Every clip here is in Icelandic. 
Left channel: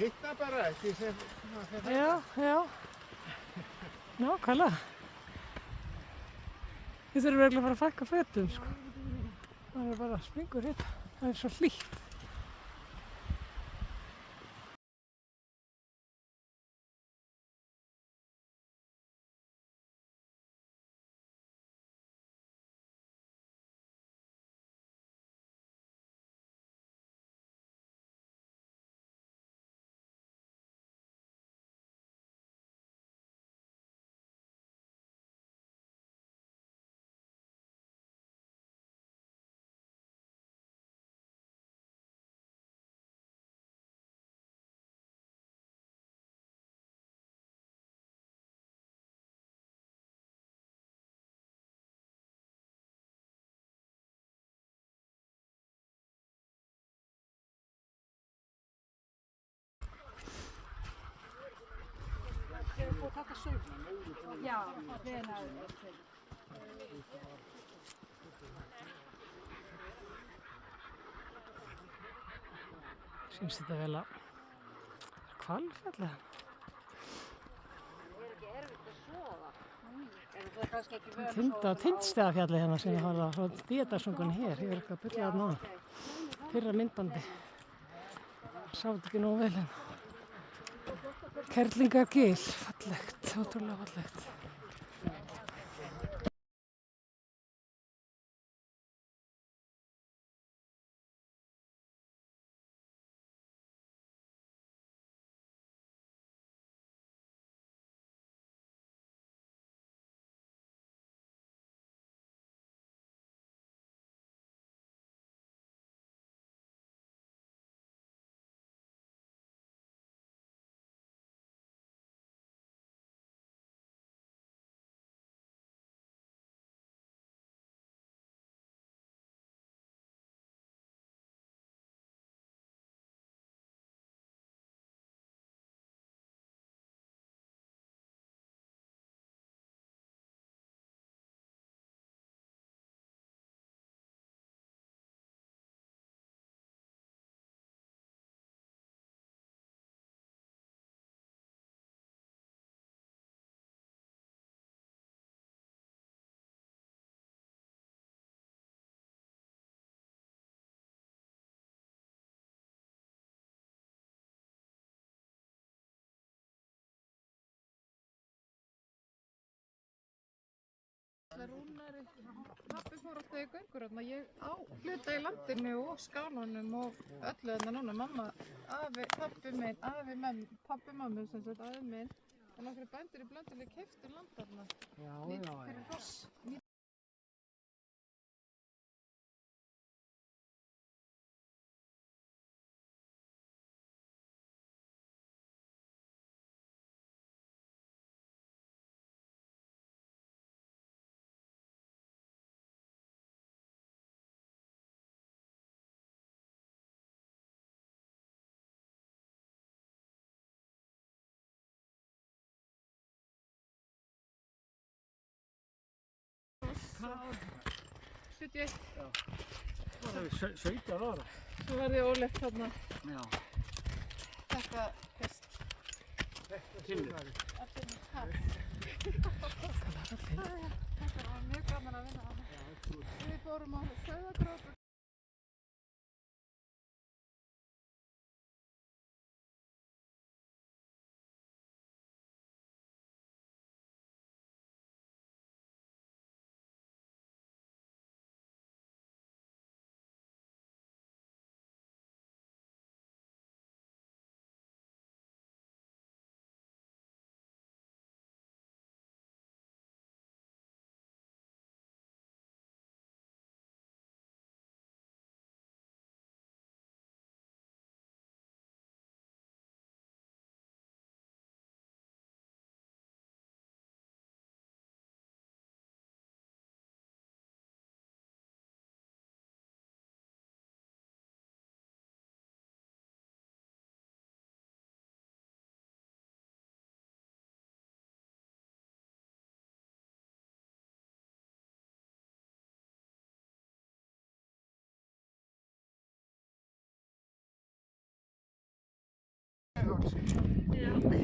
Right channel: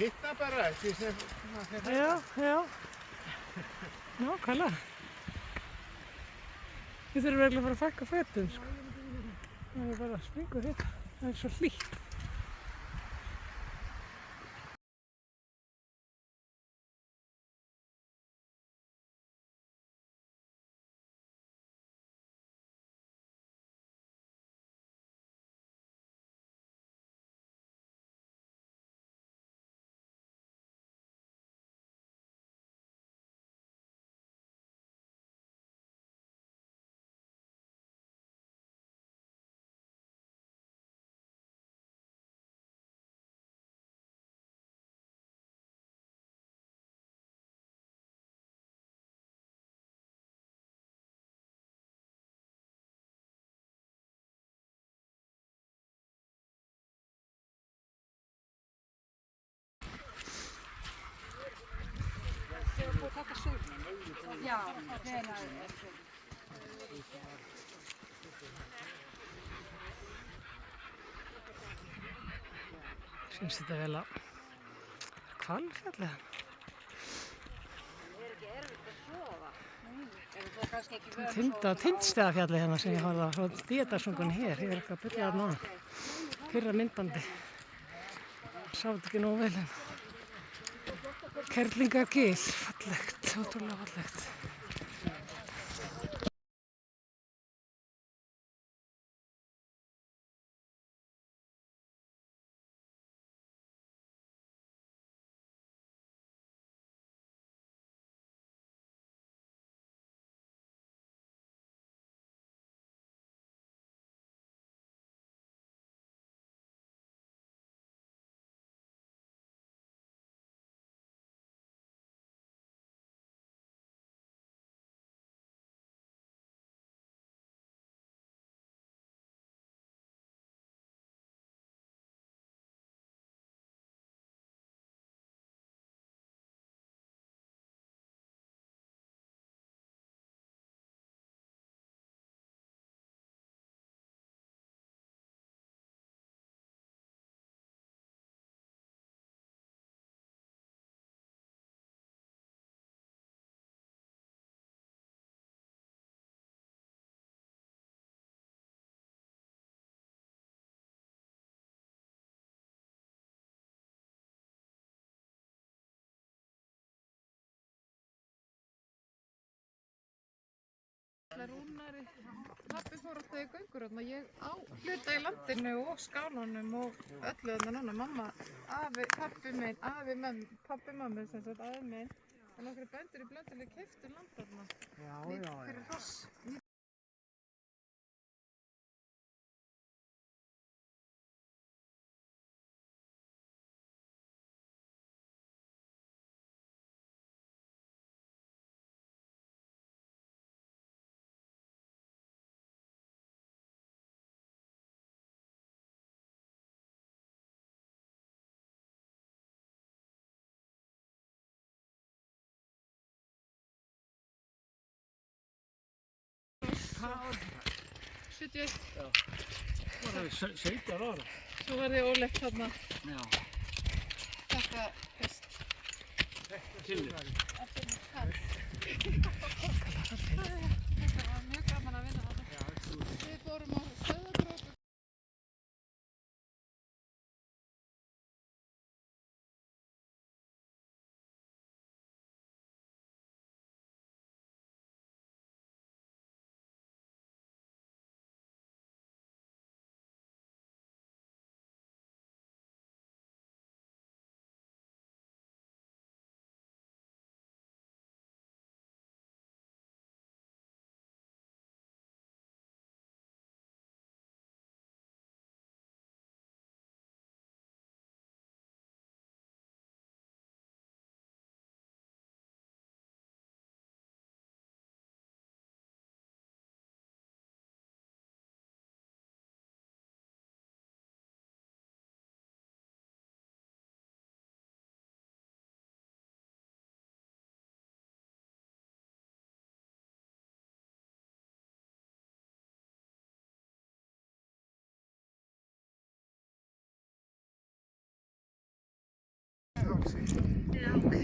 hitta bara því sem Já. Nákvæmlega. Við þurfum eiginlega að fara að fækka fötum, sko. Það er bara springur þetta. Það er svo hlýtt. Taka sauminn. Já, hvenær. Finnst þetta vel að Hvalfjalli þarna. Tindstaðafjalli hérna sem ég horfði á, svo Díðardalsöngunni hér. Ég eitthvað að byrja þarna á. Fyrra myndbandi. Sá þetta ekki nógu vel hérna. Kerlingargil, fallegt, ótrúlega fallegt. Rúnari pabbi fór alltaf í göngur þarna, ég á hluta í landinu og skálanum og öllu þarna núna, mamma, afi, pabbi minn, pabbi mömmu sem sagt, afi minn og nokkru bændur í Blönduhlíð keyptu land þarna fyrir hross. Já. Það er 17 ára. Svo var ég óleitt þarna. Já. Þetta fyrst. Þetta sumarið. Að finna kall. Það var mjög gaman að vinna þarna. Já, absolutt. Við fórum á Sauðárkrók kaksi. Ja, okei.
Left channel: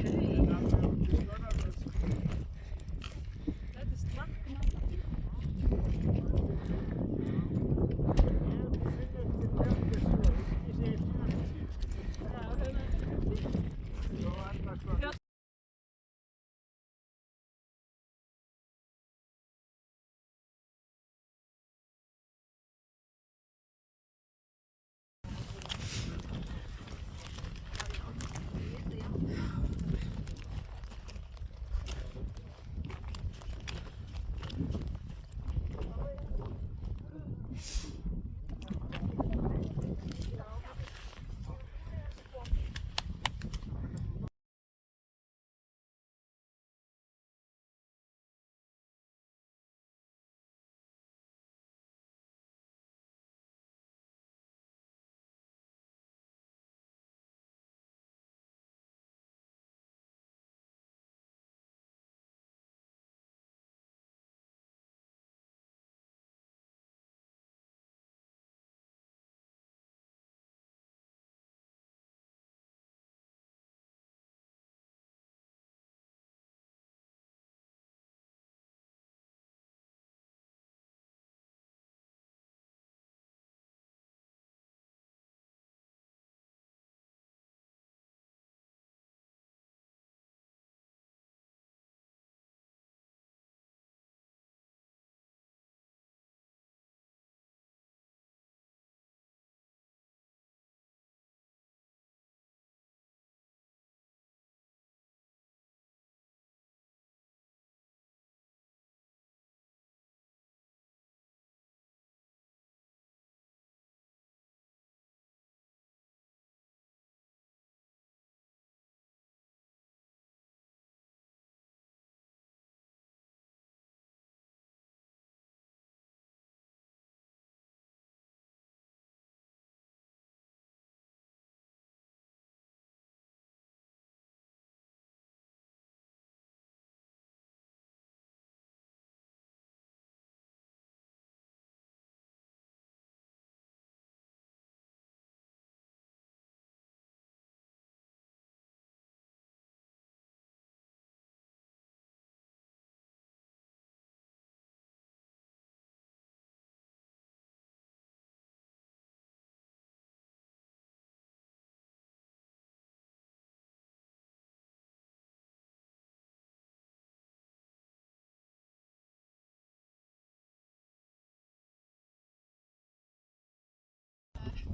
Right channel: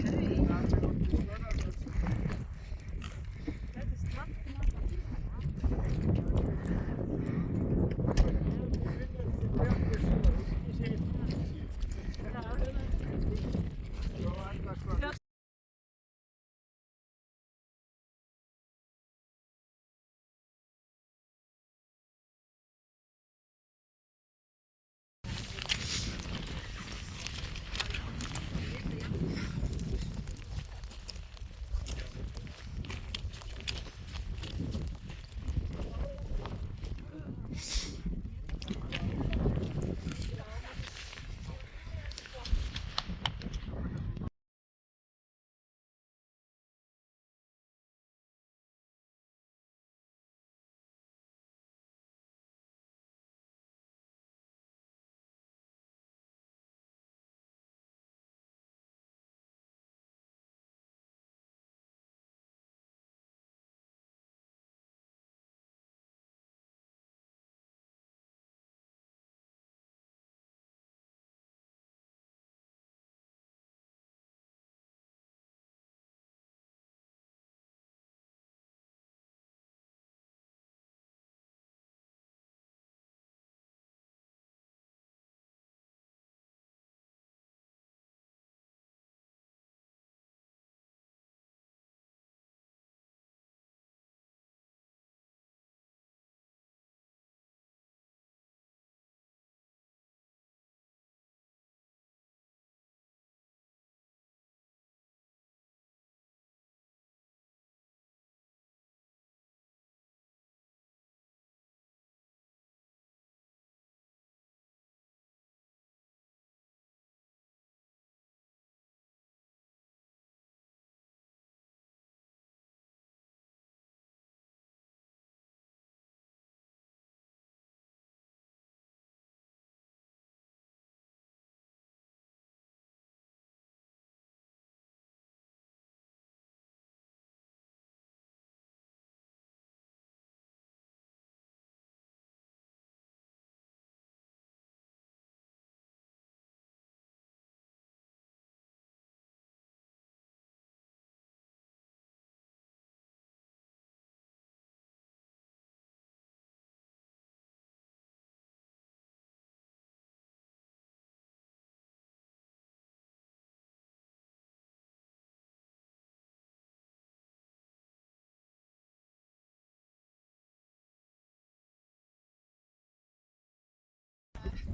Täytyisi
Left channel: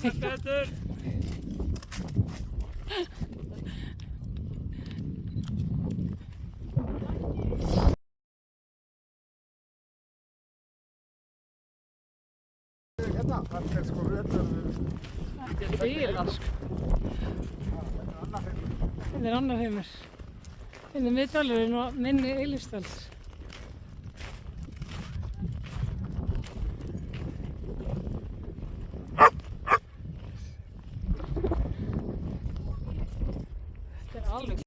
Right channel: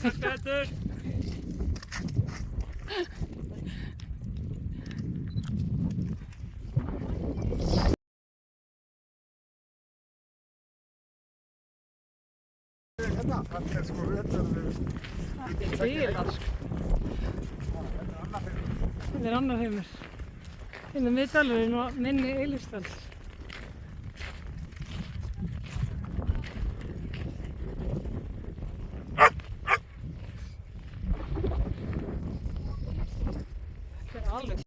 trakkinata. Þetta er sko veturinn. Dýrask. Þetta er annar heimur. Þetta er miðdalurinn og minni Eilífsdals. Þetta er alveg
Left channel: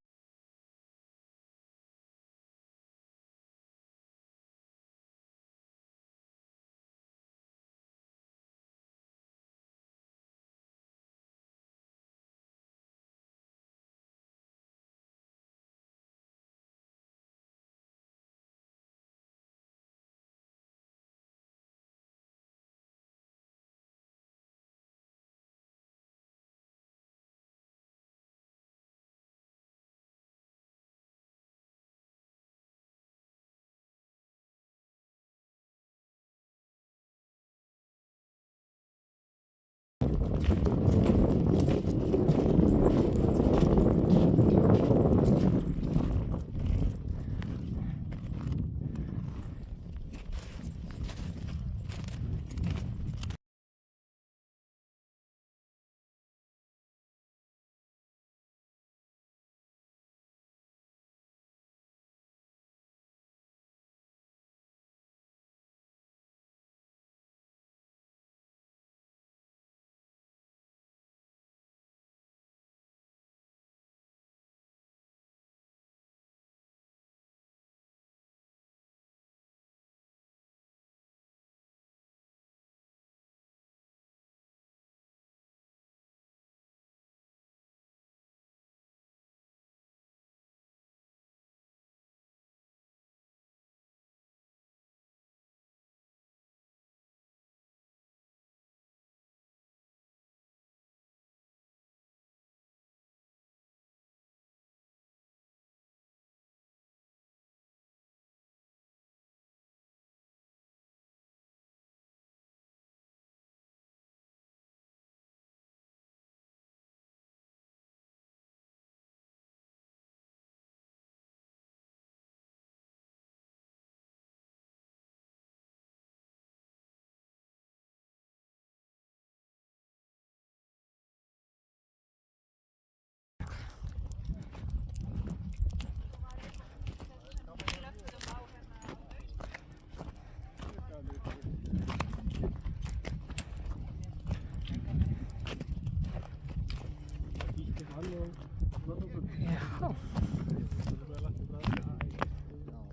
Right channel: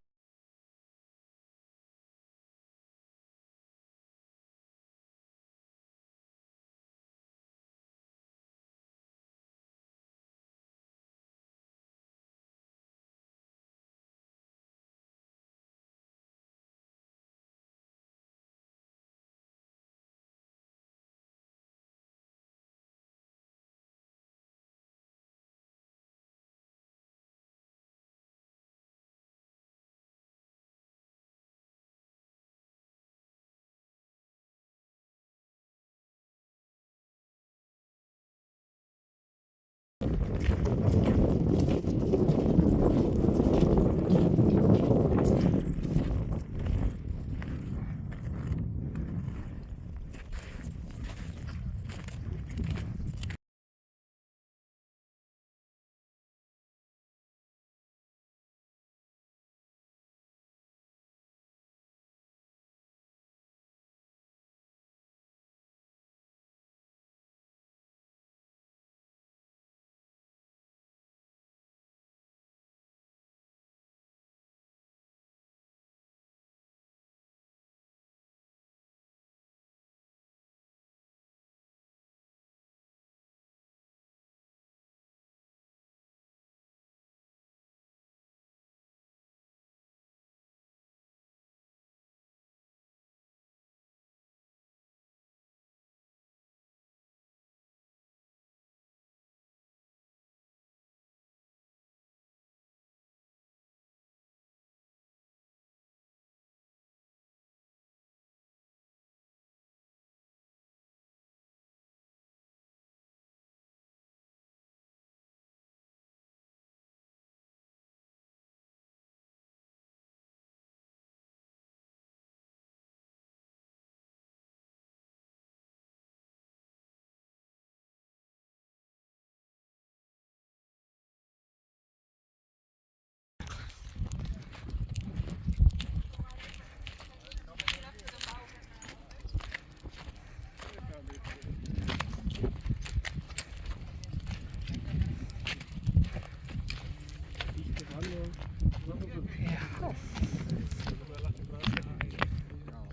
Já.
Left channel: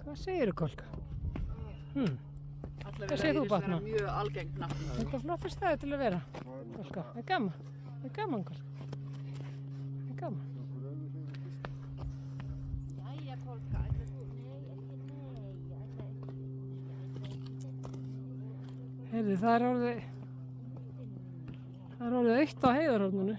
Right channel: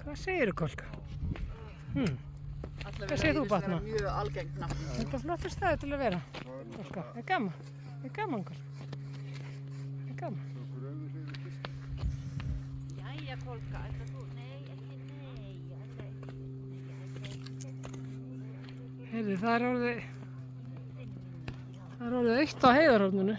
Hvað segirðu, Kolka? Hvað segir þú, Batna? Mjög algengt nafn. Þetta er flottur staður til að vera. Kolka, er gaman? Er gaman, Kolka? Er gaman? Jæja, Kolka, ætlar þú? Nei, ekki nei, ég ætla ekki. Heyrðu, það er orðið autt á Heiðarhorninu.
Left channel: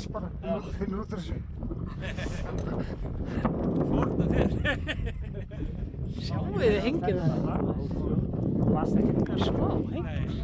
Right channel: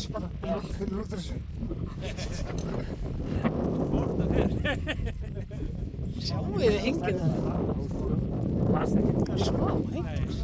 Finnur út úr þessu. Sjáu þið hengið það? Það er ekki smá hengið.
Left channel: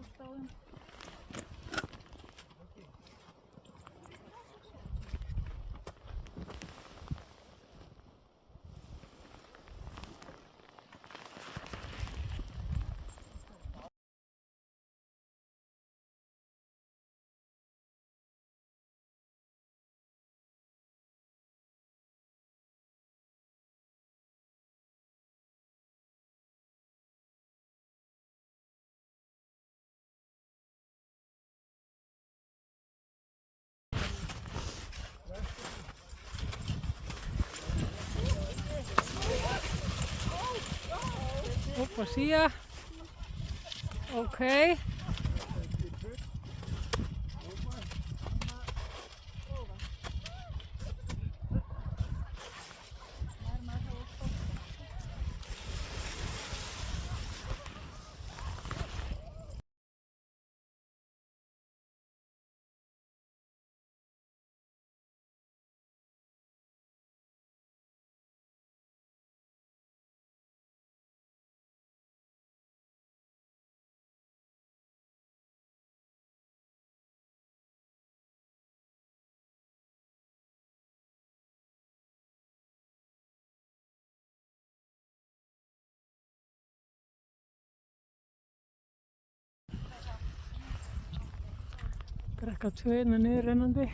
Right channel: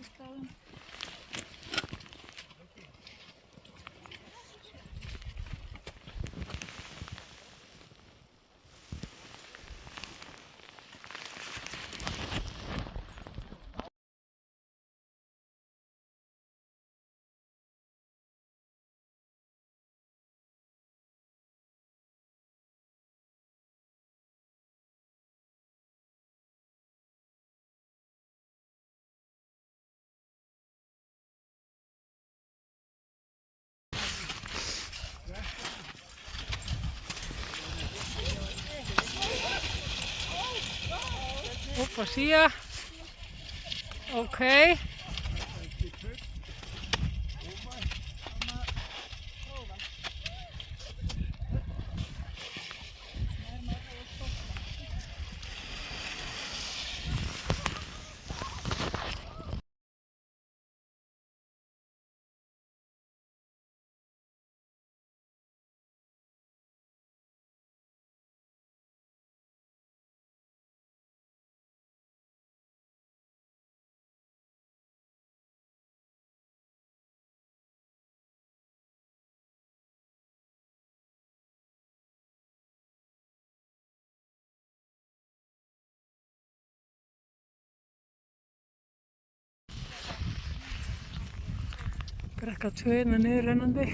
sjálfstæðum. Upp og síða. Ok. Brekka 2 hérna niður rennandi.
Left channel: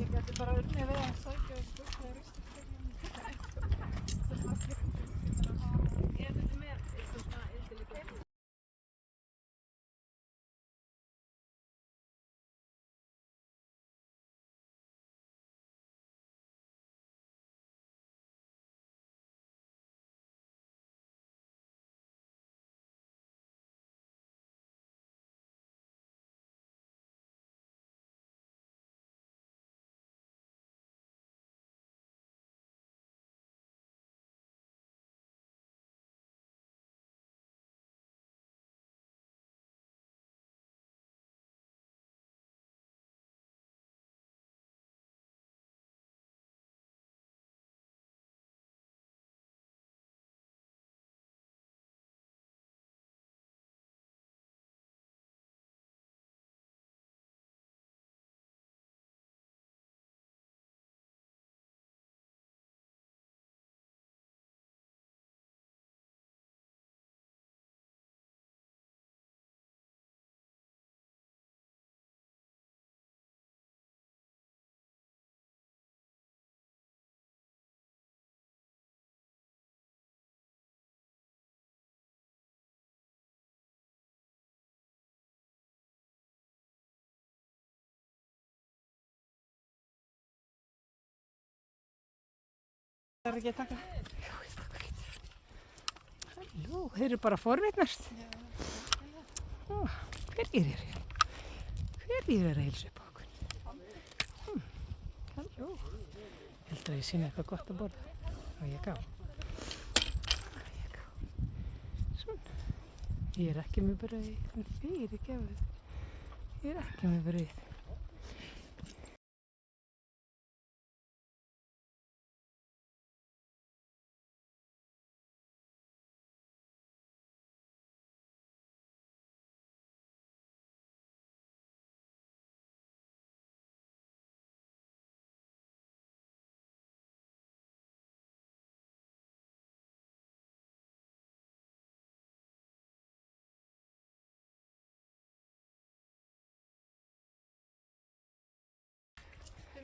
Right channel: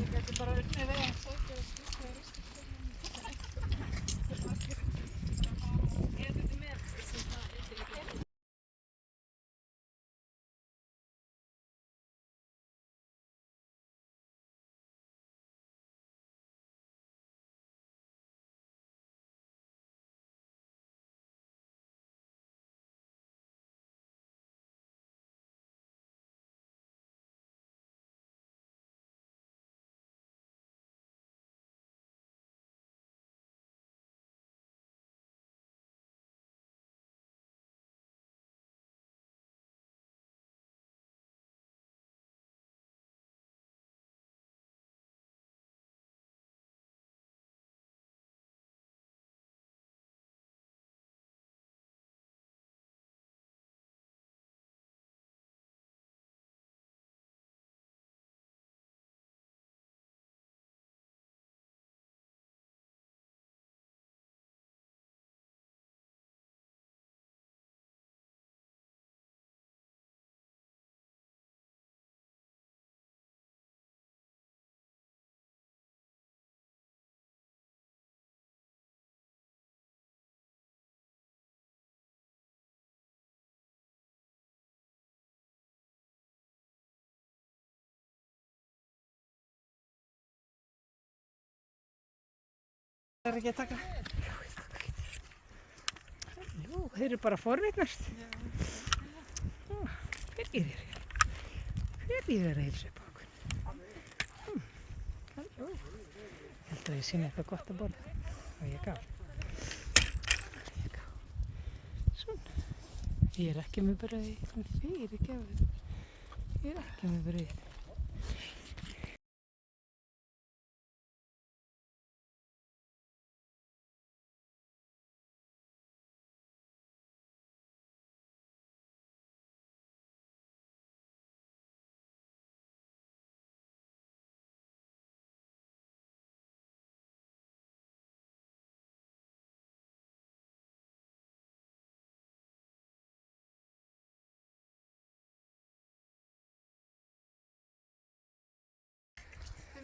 Ég gæti bara unnið við að sækja og skipta ristastöðum. Það er margir. Ég er ekki með svona eitthvað. Það er ekki að taka. Halló, þeir eru bara að forvitnast. Hverjir eru hér? Hverjir eru að heilsa upp á okkur? Halló. Heldur að ég sýni eitthvað gott að borða. Og ég gá. Svona. Ég er ekki með brauð. Fyrirgefðu. Ég er ekki með brauð.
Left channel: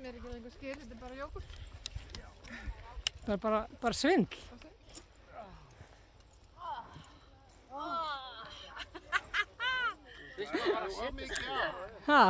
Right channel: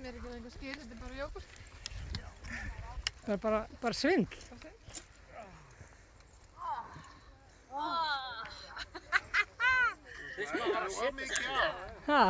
er ekki lengur skil, þetta er bara jógurt. Það er bara svindl. Ha?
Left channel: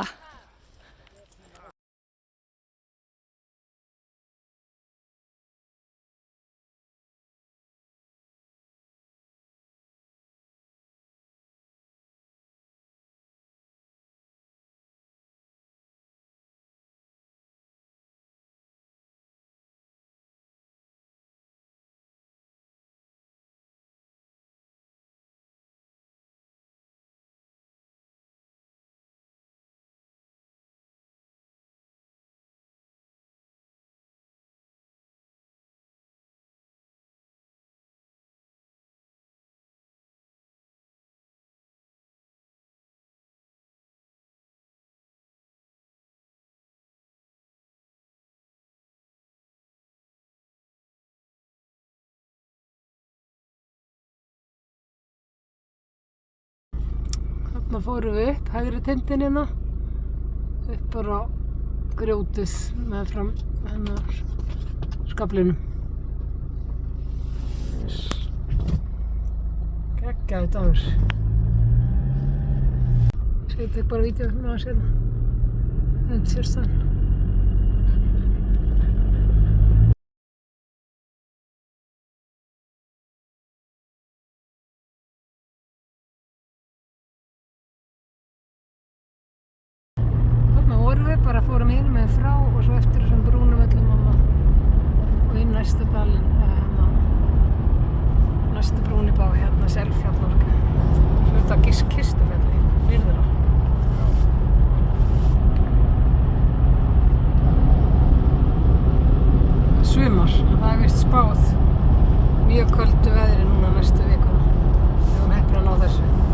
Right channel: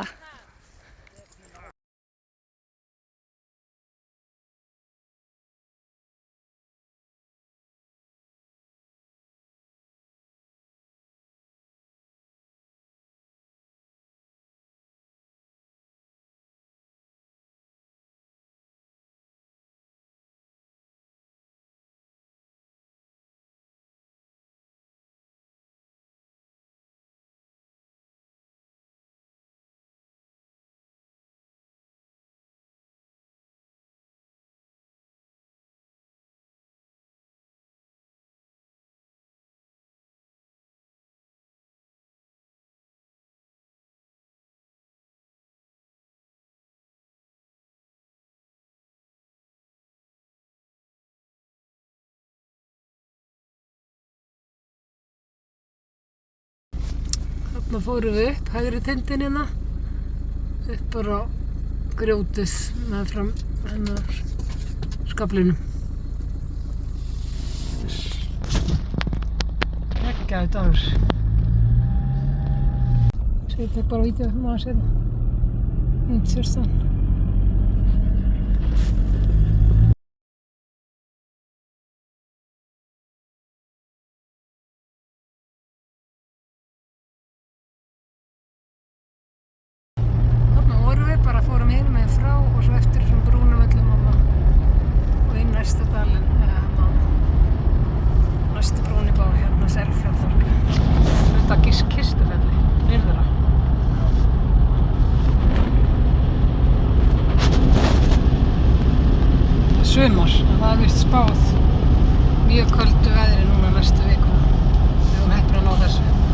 Þarna fórum við upp hægri tindin hérna, upp bara á grjótið meðfram hennar skaflinum. Geggjaður dagur. Svo ég tek bara vídeó með að sérna. Myndsérstaðan. Bara fórum hinum meginn frá og svo eftir þessum brúnum öllum og inn næsta dalinn, næstu brúni bá hérna Selfjallborg, hluta Kistufelli, nyrðra. Sumar, það er vist spáð mjög köldu veðri núna næstu vikuna. Við höfum heppin að ná þessu.